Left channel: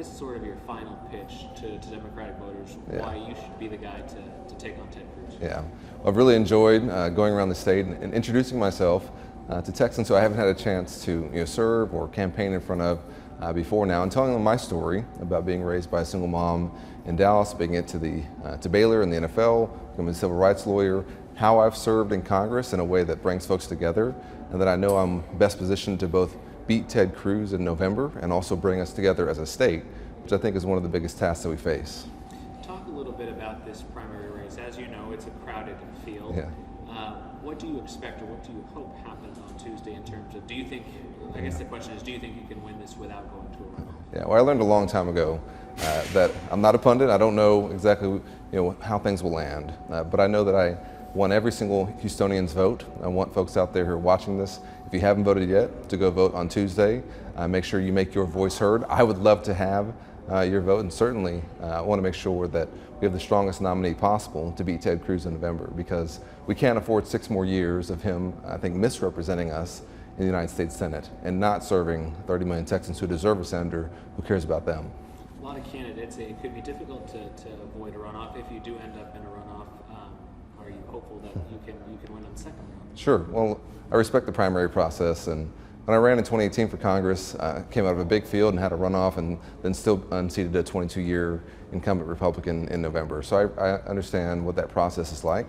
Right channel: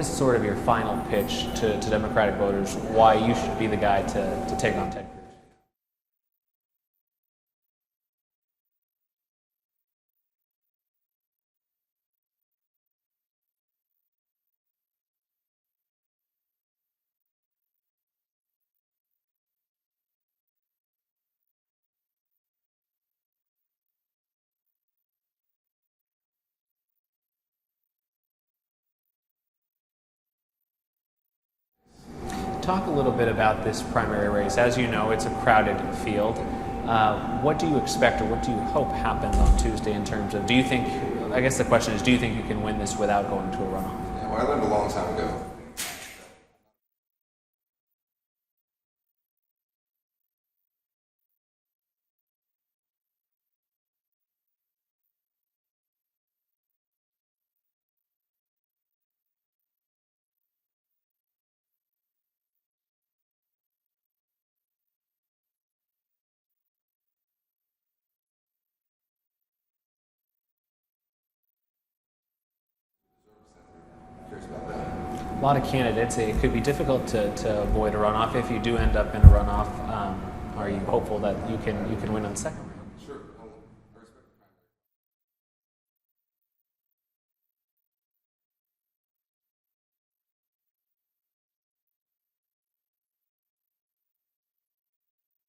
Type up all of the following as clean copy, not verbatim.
is sort of your final pitch to Democratic voters why you should be the guy to take on Ted Cruz? Yeah, I've really enjoyed going around the state and introducing myself to Texans who I haven't had a chance to serve or campaign in front of before now, and telling them my story about being raised by a single mom in Dallas, making it to Baylor in the NFL, becoming a civil rights lawyer, how I've served in Congress in a way that brings folks together, and that I know I'm best positioned to both beat Ted Cruz in November and also bring us together as a state, which I think is one of the biggest tasks that we face. Talk a little bit about this primary race. As you know, it's a crowded field. What do you expect, or what do you hope happens on Tuesday in terms of, I guess the question is, do you think you can win this without going to a runoff? Yeah, well, I learned a long time ago that I'm not a pundit. I don't know exactly how things will land, but I know that I want every single Houstonian's vote. I want folks out there who are watching this, if you haven't voted yet, to go vote on Tuesday. Make sure you make your voice heard. I would love to have your vote, and certainly I want to make sure that we have the strongest nominee possible to beat Ted Cruz in November, because we can't afford 6 more years of him, I think, misrepresenting us in the United States Senate and not serving 30 million Texans who deserve a senator who cares about them. A lot of candidates, it could be difficult to avoid a runoff. If you do end up in a runoff, are you hopeful that you can win on the second round? Sure. Well, I respect the primary process, and when I ran in 2018 for Congress, I came out of a big field and had a runoff, and then still unseated a 22-year incumbent Republican in November. So I understand what that process is like,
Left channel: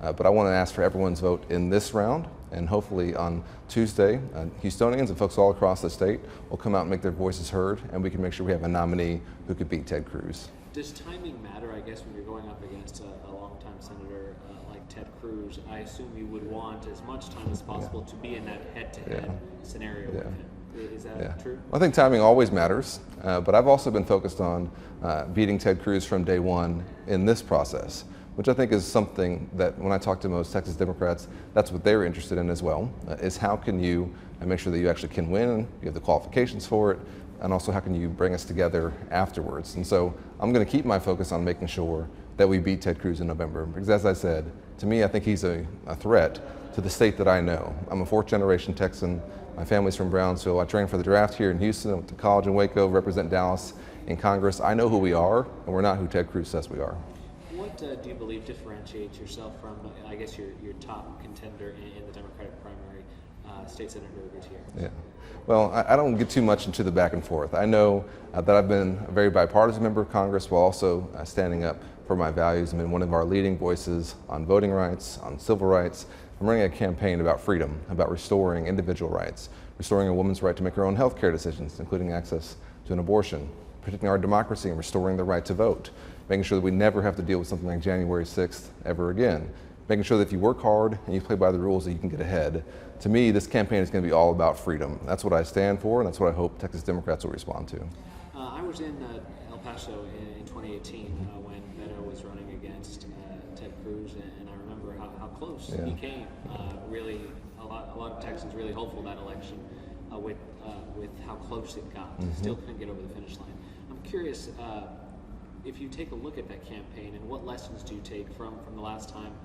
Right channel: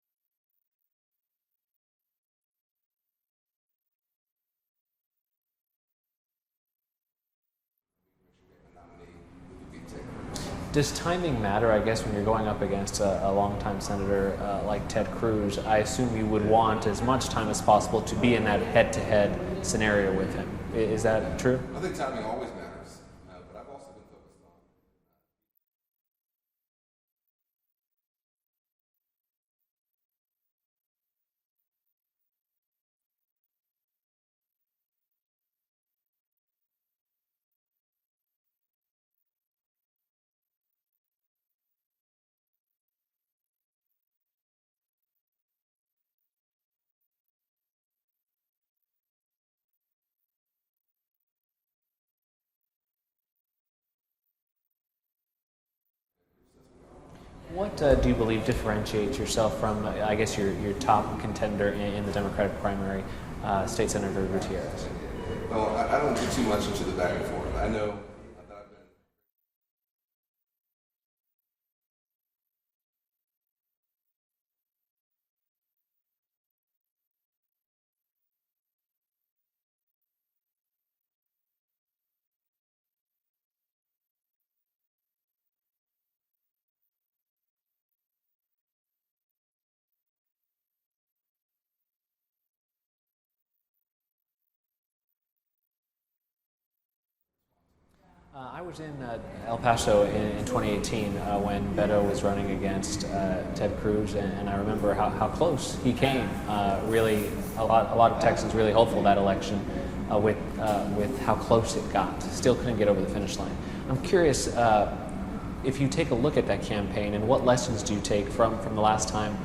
but I want to ask for everyone's vote in this round, and hopefully on Tuesday, Houstonians and folks all across the state will come out and make their voices heard, and we can make sure we have a nominee who could beat Ted Cruz. Does timing matter, I guess, when you're going up against a longtime senator like Ted Cruz? I assume you would want as much time as possible to be in that head-to-head scenario with him. Is that true? I think timing always matters, but I've also been focused on beating Ted Cruz from day one in this process, which I think is something that when I talk to most Texas Democrats, that's what they're interested in as well, is how can you make sure that you actually can win, you have the qualifications for it, and also how can you bring us together afterwards. And so I'm going to keep my focus on making sure that we beat Ted Cruz in November, because as I said, to me, I think he's a threat to the state that I know. I'm a 4th-generation Texan. My family's from Brownsville. I trained for the draft here in Houston. I went to college in Waco, represent Dallas in Congress. I know who we are, and we're not who Ted Cruz says we are. What do you believe differentiates yourself from, I guess, your top contender in the Democratic primary, State Senator Gutierrez? Yeah. Well, I don't get too much into the back and forth. I know that I've been a very bipartisan member of Congress while also standing up for my values. I've been one of our leading voices on voting rights, on civil rights. I'm running a campaign about freedom, about restoring individual rights, restoring a woman's right to make her own health care decisions, including access to an abortion, protecting our democracy and restoring the right to vote, making sure that we never have to deal with something like January 6th ever again, making sure that if you work hard and you play by the rules that you can get ahead. To me, this campaign is going to be all about freedom. That's what I stand for, and that's what I hope Texas Democrats will respond to. I was in El Paso in 2018 when Beto was running against Ted Cruz, and I remember how close he came. Really, a lot of Texans really hopeful that election with how close it got. Still couldn't get over the finish line. I'm curious if you take a look at that campaign, and what lessons do you take from the last time,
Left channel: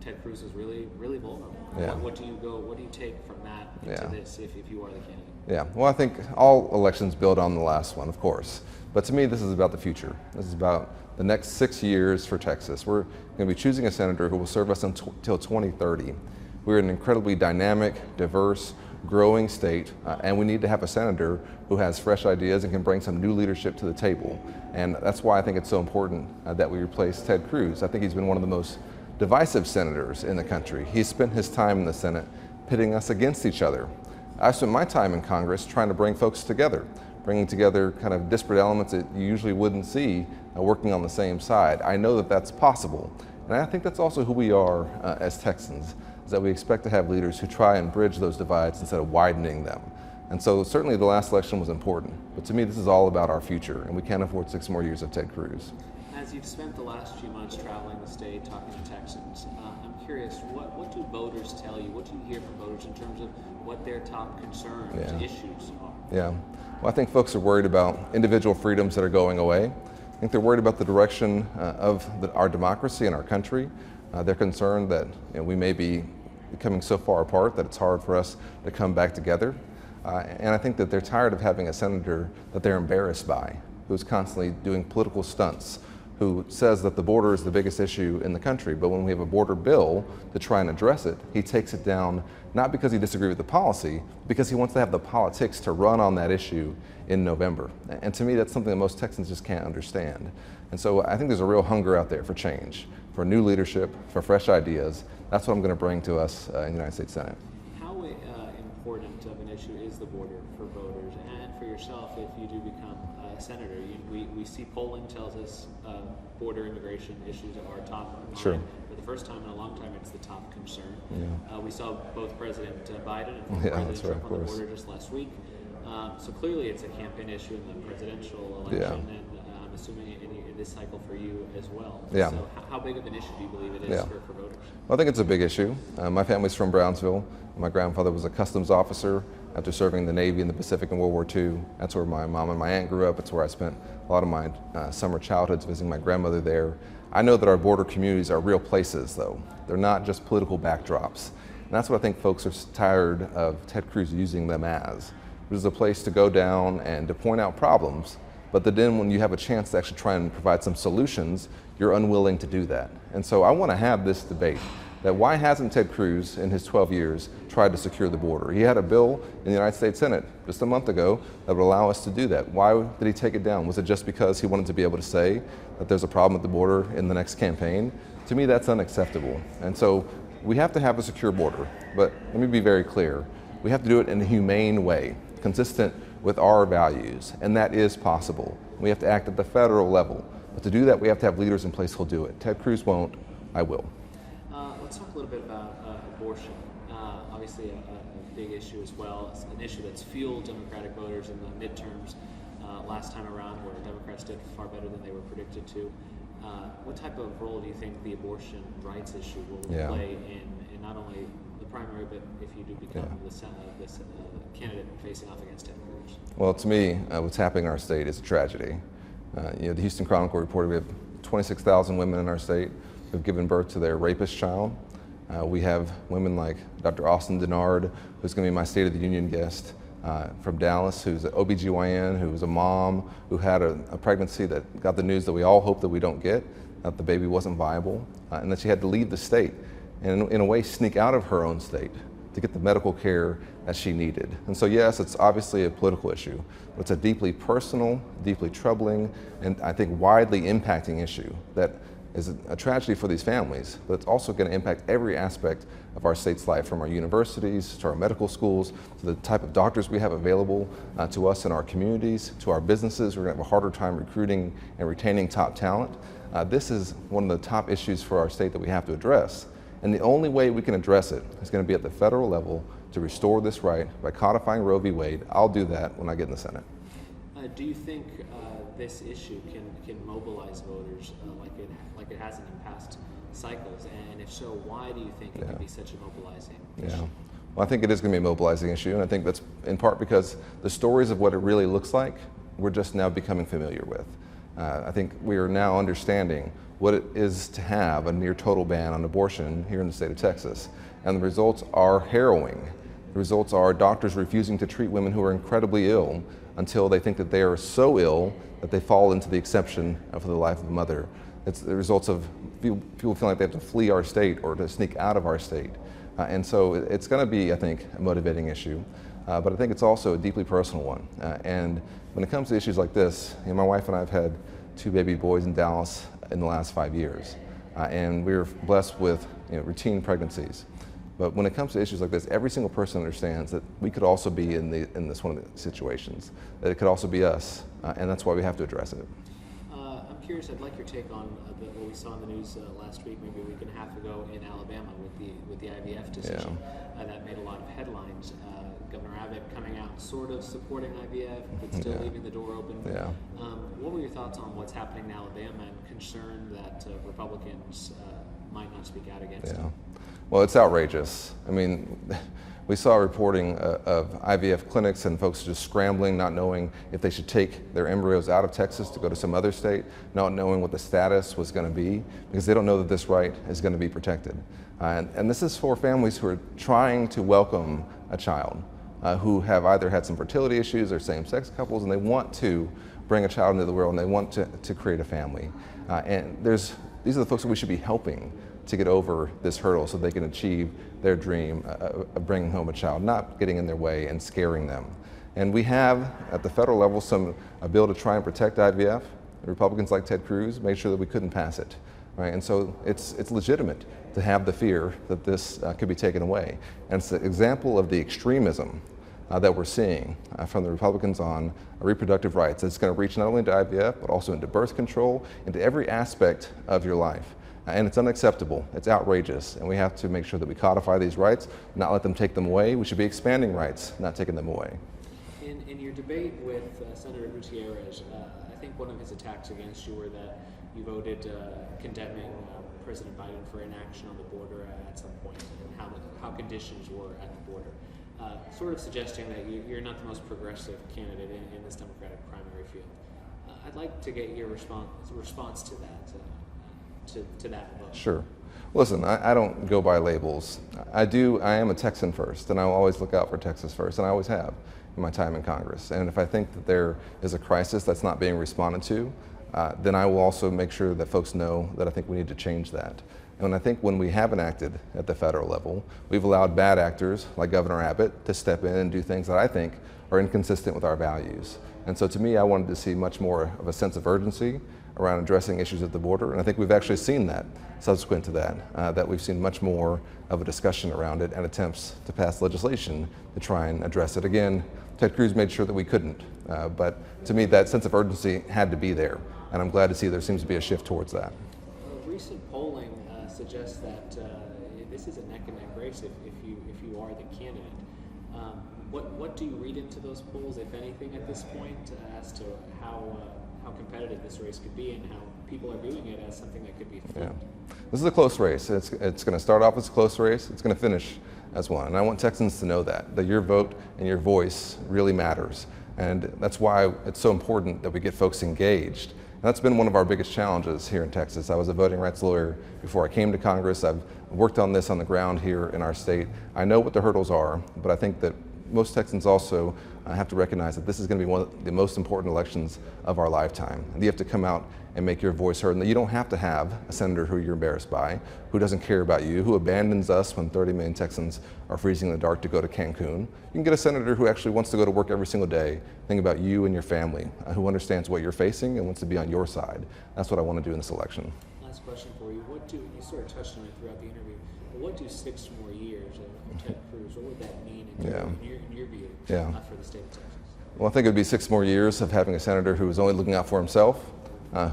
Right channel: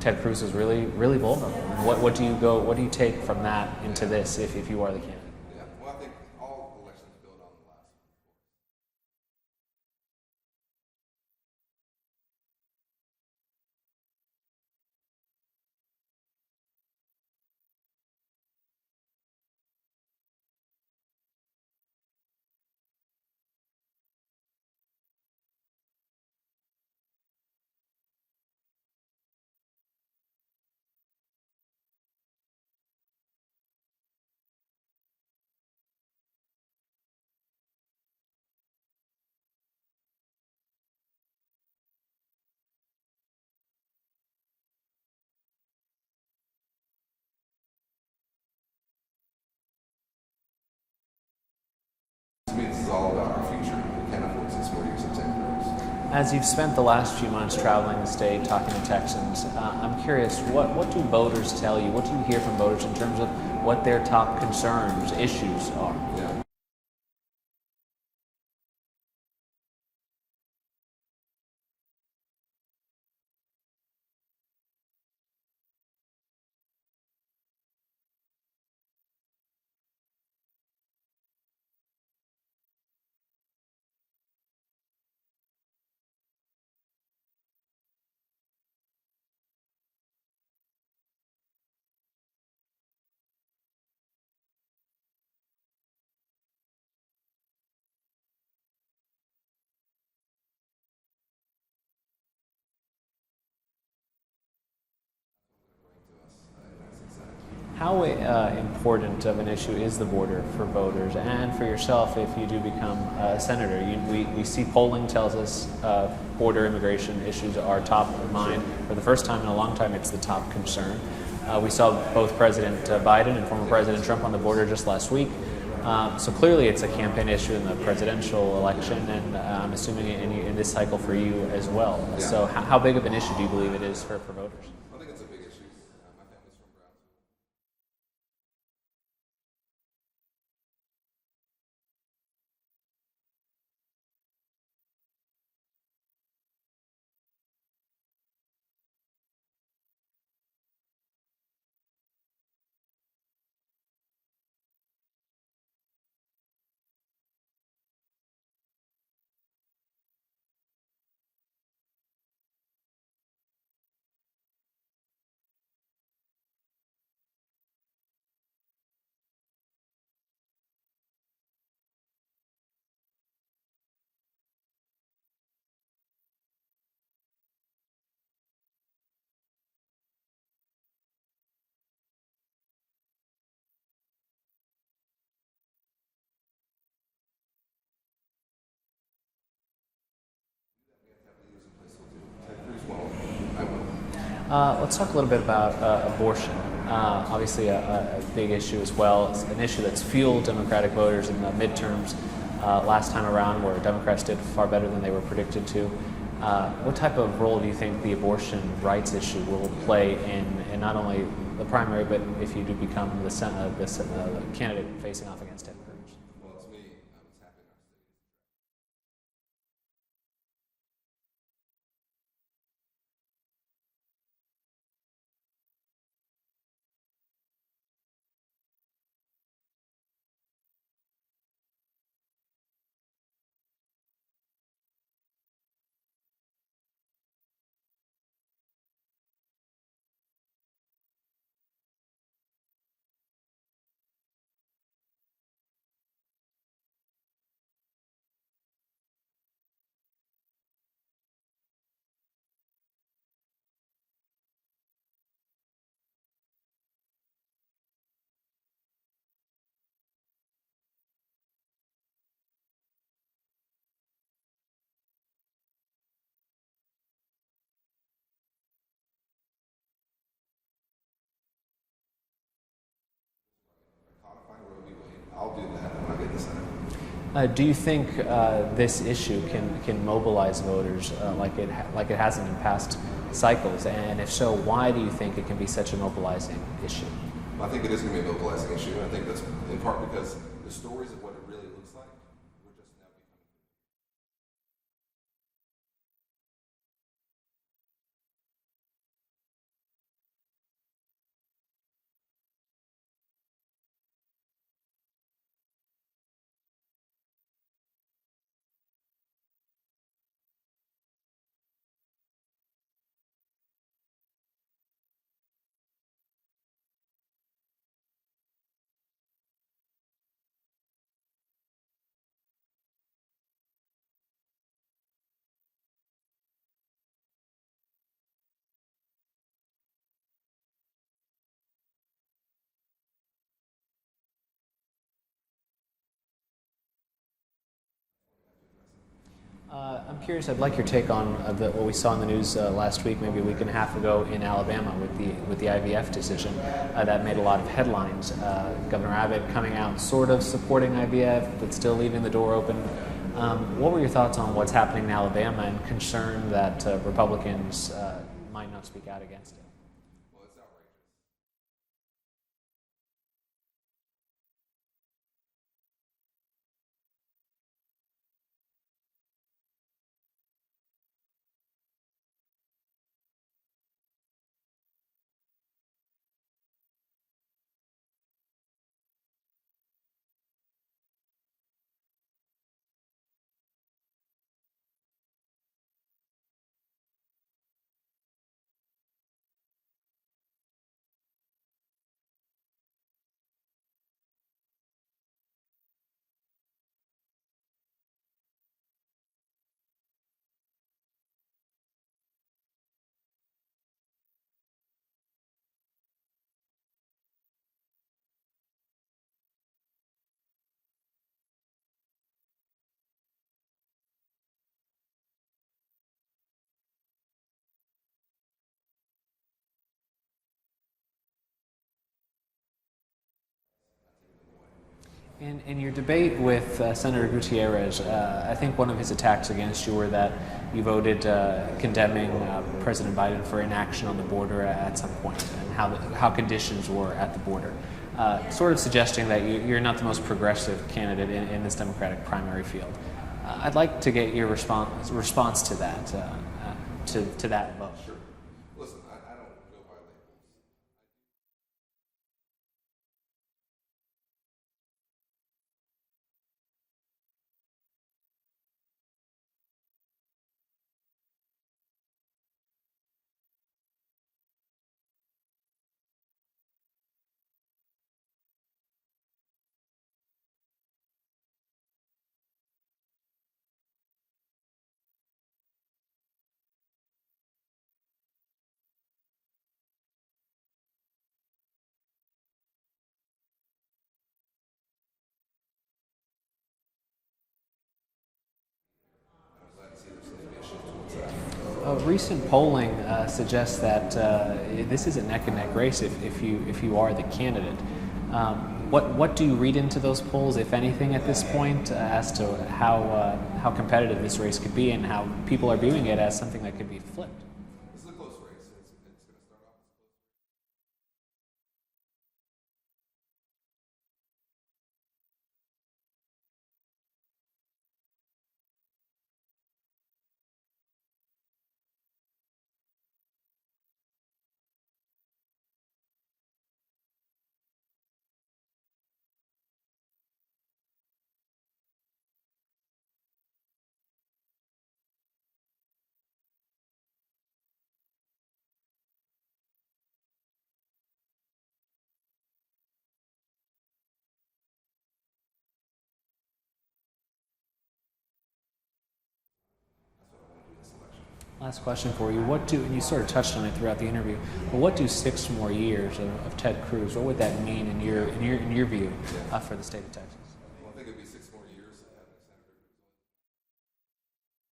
Ted Cruz was really vulnerable? What do you take from that into this if you are the candidate? Yeah, well, I think all elections build on the last one, of course. But to me, this is about the future. This is about the next 6 years for Texas. We're going to be choosing a senator who will serve us until 2030. We're an incredibly dynamic, diverse, growing state, and we need to have a senator who has fresh ideas and can bring some new leadership to the table. And that's why I think it's so important that we replace Ted Cruz. I think he's been one of the most divisive senators in the country. He's spent his time in the Senate pitting us against each other. I've spent my time in Congress trying to bring folks together, bringing together kind of disparate elements that you usually wouldn't see working on the same side. I know that that's possible. And I think that's also who we are as Texans, is that we expect to have leaders who try and bridge those divides instead of widening them. And so certainly the last election was important, but to me this is all about our future, and we can't afford 6 more years of Ted Cruz. As you've spent the last few months traveling the state, talking to Texans, I'm curious, what do voters tell you? What do you hear from voters in terms of what their top concerns, issues are? Yeah, well, I think folks are worried about individual freedoms that are going away. I think they're worried about the direction of our democracy and our country. They're concerned that we may be becoming so far apart that it's hard for us to come back together. And I think that they're tired of having a senator that they're embarrassed by, who's constantly doing political stunts, who says that the border is the biggest issue in the country, but when we have a border bill to try and address it, he takes it down not because he disagrees with the policy, because he wants to have the politics to run on that issue in November. And to me, that's something that most Texans just can't understand. And so I think there's a real hunger out there for change, for new leadership, for fresh ideas. That's what I'm going to bring to us in the United States Senate. How important of an issue is the border for voters and for yourself if you do become a senator? We see polling tells us border immigration issues are top of mind. Sure. For the first time in a long time, it's the top concern. We saw both President Biden and former President Trump on the border just last week. So clearly it's a campaign issue in the presidential election, and I'm assuming in this cycle for you as well. Yeah. So how big of an issue do you believe it is for voters? Well, I think it's a big issue. My family's from Brownsville. My grandfather was a customs officer after serving in the Navy in the Pacific in World War II. That's where my mom and my aunt grew up. It's where I spent a lot of my summer childhoods visiting my grandmother there. I know that our border communities are real places, though. They're not just political backdrops. And that's what I think folks are tired of Ted Cruz using them as. There's a place to go down and to point out problems, but then when you have a chance to actually try and provide some solutions, you're unwilling to do that. And so I want to have this debate that why hasn't Ted Cruz in his 12 years tried to secure the border? He had a bill in the United States Senate just a month ago that would allow us to do that. Why did he take it down? Was it just because he wanted to be able to say that there's a problem at the border in the next campaign? To me, that's unacceptable. And so we have to have a secure border, but let me be very clear. We have to do it in a humane way, consistent with our values, and that is possible. We have to act at the federal level. But to do that, we have to have leaders in place who'll do it. Ted Cruz won't, I will. Let's talk a little bit about abortion. Obviously a big issue as well. It's an issue that's fueled Democratic voters in the midterms last time around, where Democrats did far better than they were predicted to. What type of role do you think the abortion rights issue will play in not only the primary, but if you do become the candidate facing off against Ted Cruz? Well, to me, what's happening in our state is a tragedy. The Houston Chronicle reported we have 26,000 women in our state who've given birth to their rapist child. We have women like Dr. Austin Denard, who's going to be my State of the Union guest from Dallas, who's an OBGYN, who was a mom, who had a pregnancy that got the news that we all hope that we don't get, that the baby wasn't viable, and that she had to leave the state and in a way sneak out of her own state to get the medical care that she needed. And so yes, it's obviously a political issue, but it's a deeply personal, deeply troubling, and I think widely impacting issue that is a tragedy for these families, but it's also going to impact every aspect of our state's life, from our universities to our medical schools, to the type of doctors we have available to us in our communities, to our businesses. We're going to have a harder time recruiting and retaining top talent. This is one of the top issues for our state that we have to address. And the only way we can address it is going to be at the federal level to restore this right by codifying Roe v. Wade. I'll do that when I get in the Senate. Do you think this issue can mobilize voters like it hasn't in past cycles? And if so, why do you think it can be such a mobilizing issue? Well, I think it is going to be a mobilizing issue, and I think that's in part because the stories of what it really looks like, we're just now becoming familiar with. I think we are now understanding what it is to have a near total ban on abortion here in the state of Texas. And the results are harrowing. The results are doctors refusing to treat women who are incredibly ill until they think that they are so ill that they fall into the exception for the life of a mother. It's the results of people feeling like they have to flee our state or to sneak out of our state. And so it's going to be, I think, a motivating issue. But I think it's also a deeply personal one. And when it comes to issues like this, my wife and I have had 2 baby boys in Dallas in the last 5 years. And we were blessed with routine pregnancies. But when it comes to issues like this, every single person understands that we could also be in this one of the situations, that it could also be us, and that's why we have to address it. I'm curious, I'd like your take on what we saw in the news last week, maybe a week and a half ago in Alabama with the IVF decision. That made a lot of headlines. Governor Abbott coming out sort of supporting IVF, but still leaving the door open. What were your thoughts on what's happening in Alabama and concern that Republicans might not speak out against it? Well, it's outrageous. I mean, we saw reporting of IVF clinics and folks just scrambling, not knowing if they should take their embryos out of Texas to go to some other state, not knowing what the status was going to be, because they don't know that this right is going to be protected. And this is for families who are trying to welcome a child, who have either had some fertility issues or same-sex couples, and they want to bring a child into the world and they want to create a family. These are the folks that we should be helping to get over this hurdle so they can achieve their dream of bringing home a child, not getting in their way and scaring them. And we have, at the federal level, a bill to try and protect IVF. Republicans like Ted Cruz made sure that we couldn't pass it, right? And so it's legitimate to have the fear that this could be taken away. And it's an example of the extremism that we're seeing from the Republicans on reproductive rights. It's going to reach not only into IVF, but also into birth control, into every aspect of your life. And it's unacceptable, it's outrageous, and we have to make sure that we codify these rights, not let them take them away. We should be expanding rights, not taking them away. In your debate with Senator Gutierrez, I think one of his attacks against you were that you voted condemning President Biden for inaction on the border at some point, and how conditions were at the border, sort of suggesting that you're not the most progressive candidate in this Democratic primary field. I'd like to get your response to that. To that vote. Sure. Listen, I don't go by labels. I am a Texan first, and I will always look out for Texas first, and I always have in my time in Congress. And if I think that there is a crisis that's not being responded to, then I will also make sure that folks know that I think we need to change that. And I think when we haven't acted at the federal level, we've allowed bad actors like Governor Abbott to step in and do things that I think are inconsistent with our values. And so to me, I wanted to see much more of a sense of urgency around addressing issues at the border, and I think we've actually seen that subsequent to that we've seen much more of a discussion around it and attempts to pass legislation to try and address it. Again, Ted Cruz made sure that we couldn't, but to me that sense of urgency had to be there, and I'm glad to see there seems to be a shift towards that. Recent polling suggests that this is a neck-and-neck race if you are the candidate. What do you read into those polls, if anything, at this point, as to how competitive this race could be and how people are viewing it as something that could be flipped? Yeah. This is a close race. It's going to start off as a close race. It's going to finish as one. And I want Texans to know that your vote and your voice really matters. And that's why it's so important that we get folks engaged. And that's been one of our biggest challenges here in Texas. I was a voting rights lawyer before I came to Congress. I've worked on this on the ground here in our state. I know what the hurdles are, but I think that most Texans also have to recognize that this is going to be one of the most important elections of our lifetime. And you have to come out and make your voice heard, and that you don't have to have a senator who you're embarrassed by, who doesn't care about you, who abandons us when 30 million Texans are freezing in the dark to go to Cancun. You can get a senator who actually wants to go to work every single day, think about you and your family, who understands what you're facing and wants to be on your side. That's what I want to do in this election. Last question for you. And you sort of touched on it throughout the interview, but what do 6 more years of Ted Cruz, what would that mean in your view for the state of Texas? Well, I think it would be 6 more years of having a senator who is only looking out for himself,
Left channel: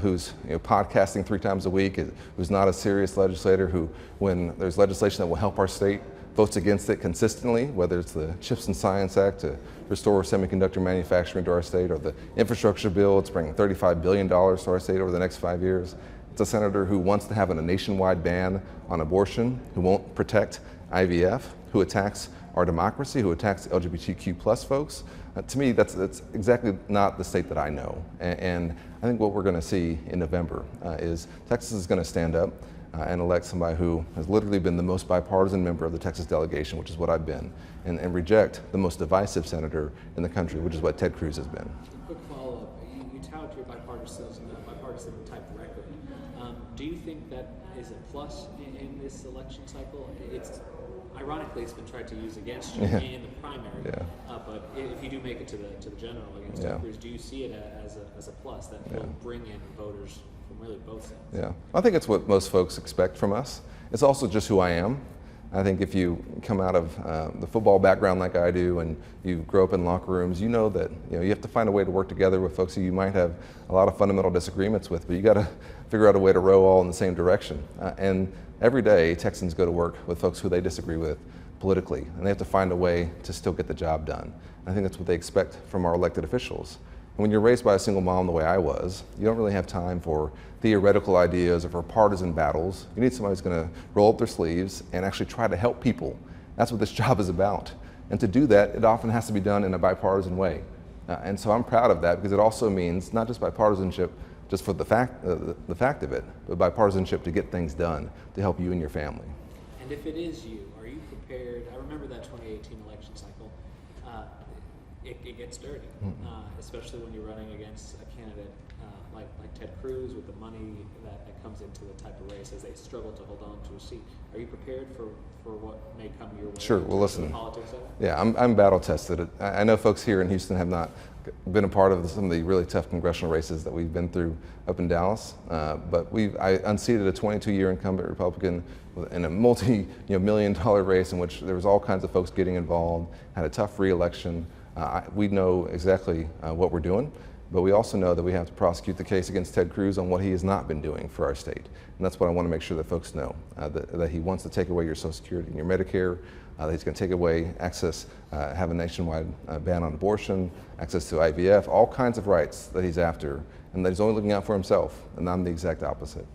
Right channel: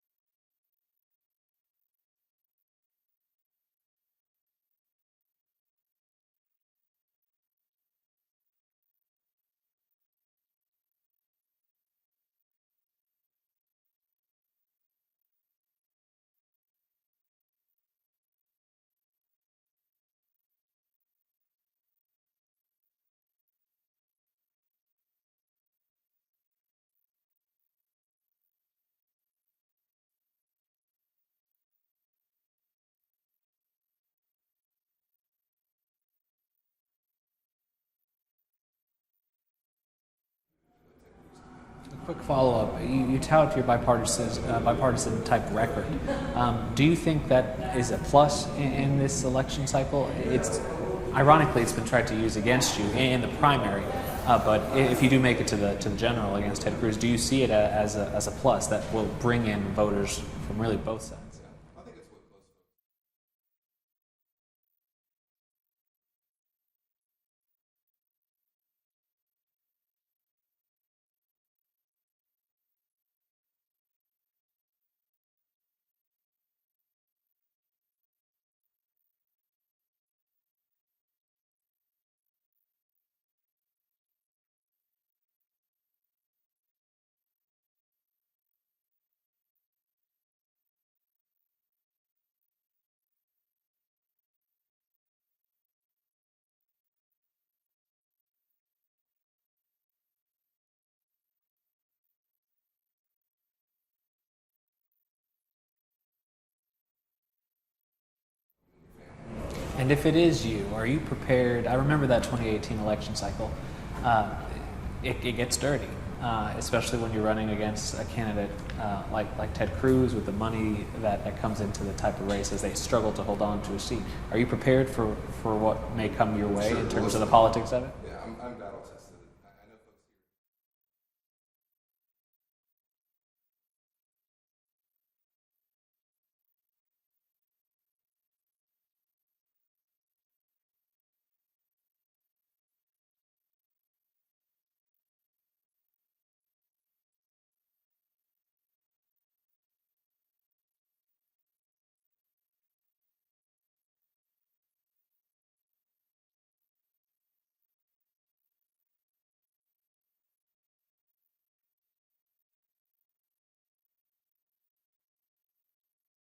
who's podcasting 3 times a week, who's not a serious legislator, who, when there's legislation that will help our state, votes against it consistently, whether it's the CHIPS and Science Act to restore semiconductor manufacturing to our state, or the infrastructure bill, it's bringing $35 billion to our state over the next 5 years. It's a senator who wants to have a nationwide ban on abortion, who won't protect IVF, who attacks our democracy, who attacks LGBTQ plus folks. To me, that's exactly not the state that I know. And I think what we're going to see in November is Texas is going to stand up and elect somebody who has literally been the most bipartisan member of the Texas delegation, which is what I've been, and reject the most divisive senator in the country, which is what Ted Cruz has been. Quick follow-up. You tout your bipartisan type record. Do you think that is a plus in this election cycle? Ironically, it's been tried to use against you in the primary, but if you do make it to the general against Ted Cruz, do you see it as a plus that will bring in voters from really both sides? Yeah, I think it's what most folks expect from us. It's also just who I am. I think if you come out of the football background like I do, and you grow up in locker rooms, you know that you have to find a way to work together with folks who you might have a lot of fundamental disagreements with, but you got to figure out a way to row all in the same direction. And every day, Texans go to work with folks who they disagree with politically, and they have to find a way to still get the job done. And I think that's what they expect from our elected officials. And when you're raised by a single mom the way I was, you don't really have time for theoretical ideas or for partisan battles. You need somebody who's going to roll up their sleeves and actually try to help people. That's what this job is about. And to do that, it often has to be done in a bipartisan way. And so I'm proud of that, because it also means not just bipartisanship just for the fact of it, but bipartisanship to get things done to help you and your family. And if it is you, are you prepared? I remember that 2018 election cycle. it gets dirty, especially when you're running against a candidate like Ted Cruz with the money that comes into the type of races. They struggle to hold on to a seat. Are you prepared for what may come your way Sure. in terms of the politics of it? Yeah, I'm battle tested. I know folks here in Houston have not been a part of some of the really tough congressional races that we've been through up in Dallas, but I unseated a 22-year incumbent Republican in a multi-million-dollar race in which there was all kinds of folks getting involved, had a tough re-election. We know exactly what we're doing, but we also know that we have to prosecute the case against Ted Cruz on what he has not been doing for our state. And that's what I want to make sure that folks know, that he wants to take away your Social Security and your Medicare, that he's going to take away access, have a nationwide ban on abortion, access to IVF, all kinds of rights that he's after, and that he's only looking out for himself, and I'm the exact opposite.